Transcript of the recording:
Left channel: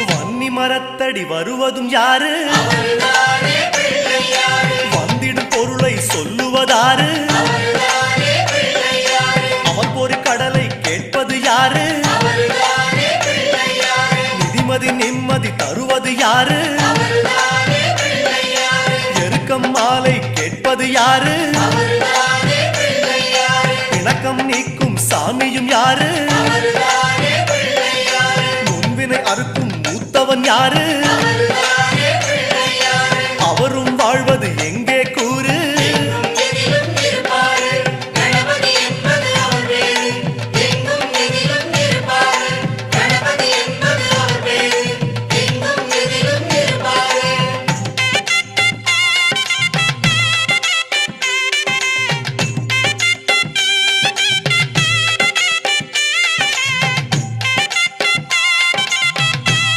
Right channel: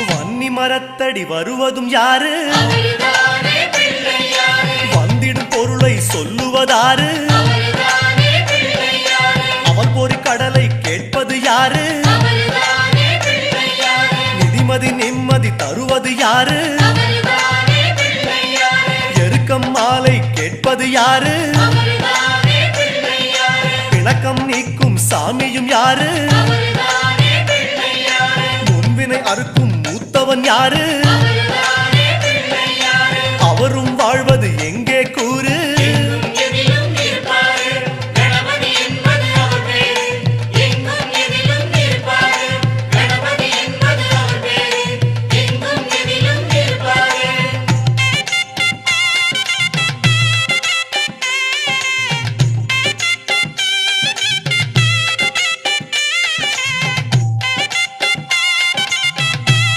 வன்னி மரத்தடி வருவதும் யாரு? வந்திடும் பொருளை சொல்லுவதாரு? அவன் பொறி கடலை கேட்பது யாரு? நிதிமதி நிம்மதி தருவது யாரு? எருக்கம் மாலை கேட்பது யாரு? பிணக்கம் நீக்கும் சாமியும் யாரு? முன்வினை அறுக்கும் யாரு? அவரும் வாழ்வது எங்க?